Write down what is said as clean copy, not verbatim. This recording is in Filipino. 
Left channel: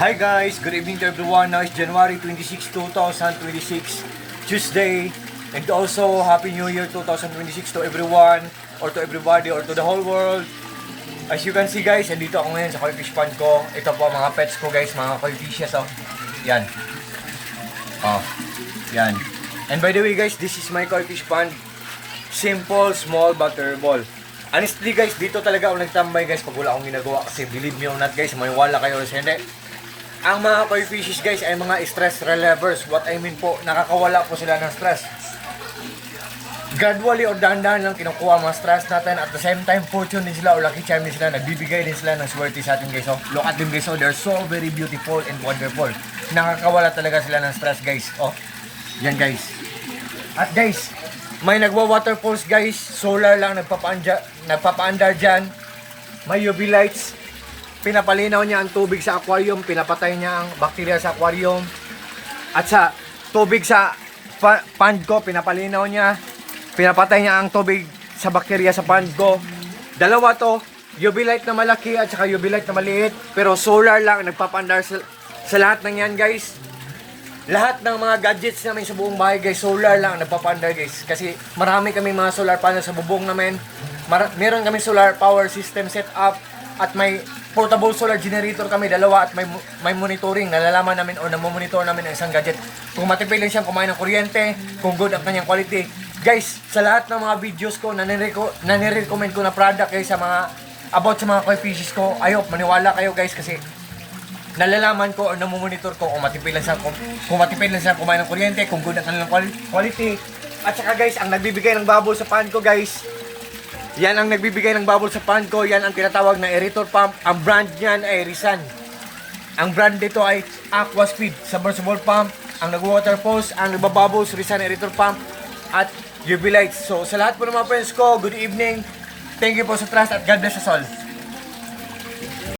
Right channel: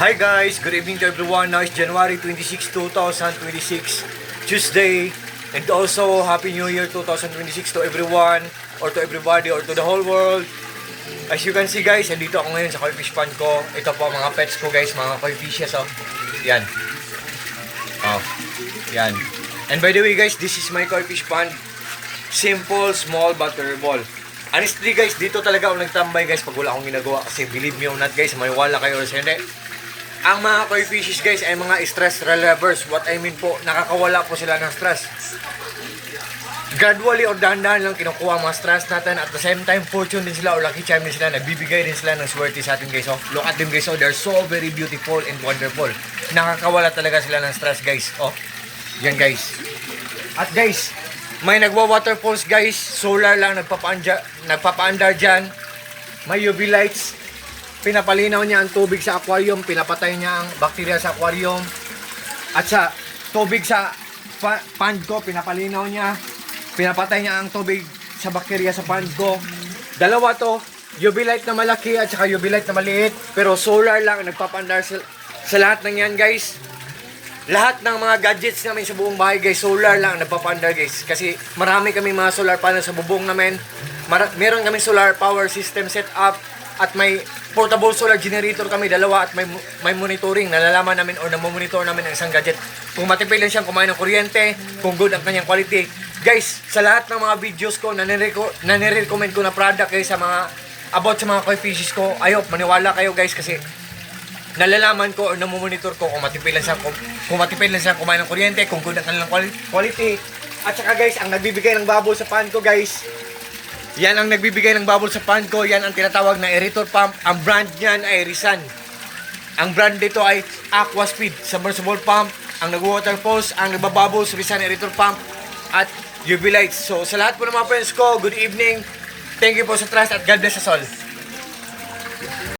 Hi guys, good evening to everyone. Now is January 26, 2026, Tuesday. And also, Happy New Year 2026 to everyone, or to everybody, or to the whole world. As you can see guys, andito ako ngayon sa koi fish pond ko. Ito po mga pets ko guys, mga koi fishes. Oh. Yan. Oh. Yan. And by the way guys, this is my koi fish pond. Simple, small, but terrible. Honestly guys, dito talaga ako nagtambay guys pag wala akong ginagawa. Kasi believe me or not guys, may wala kayo sa hindi. Ang mga koi fishes guys ay mga stress relievers. What I mean po, nakakawala po sila ng stress. Gradually or dahan-dahan lang kinukuha ang mga stress natin. At the same time, fortune din sila o lucky charm din sila. Nagbibigay din sila ng swerte sa atin guys. Oh, look at them guys. Oh, they're so very beautiful and wonderful. Nakakawala talaga sila ng stress guys. Oh, yan guys. At guys, may nagwa-waterfalls guys. Solar lang nagpapaandar dyan. May UV lights. Pinapalinaw niya ang tubig sa aquarium. Pinapatay niya ang bakterya sa aquarium. At sa tubig sa pond ko, pinapalinaw niya. Pinapatay niya ang tubig sa bakterya sa pond ko. Dalawa to, UV light na malaki at saka UV light na maliit. Pero solar lang nagpapaandar sa lahat ng yan guys. Lahat ng mga gadgets namin sa buong bahay guys, solar lang nagpapaandar guys. Kasi marami kami mga solar panel sa bubong namin. Meron kami solar power system set up. At may portable solar generator kami, dalawa, at may monitoring. Nalalaman namin o namomonitor namin ang isang gadget. Kung matipid lang siyang kumain ng kuryente, kung good ang kanyang quality. Guys, sa lahat ng mga videos ko, nanirecommend ko na product guys sa mga, about sa mga koi fishes ko. I hope maniwala kayo guys kasi nalalaman ko o namomonitor ko kung matipid lang siyang kumain ng kuryente, kung good ang kanilang quality. At saka guys, ang nagbibigay ng bubble sa pan ko guys, yan ang nagbibigay ng bubble sa pond ko. Yan ang tinatawag na aerator pump. Ang brand niyan ay Rizan. Ang brand dito ay Aquaspeed submersible pump. Ang nag-waterfalls, ang nagbabubbles, Rizan aerator pump at UV lights. So sa lahat po ng mga friends ko, good evening. Thank you po sa trust at God bless us all.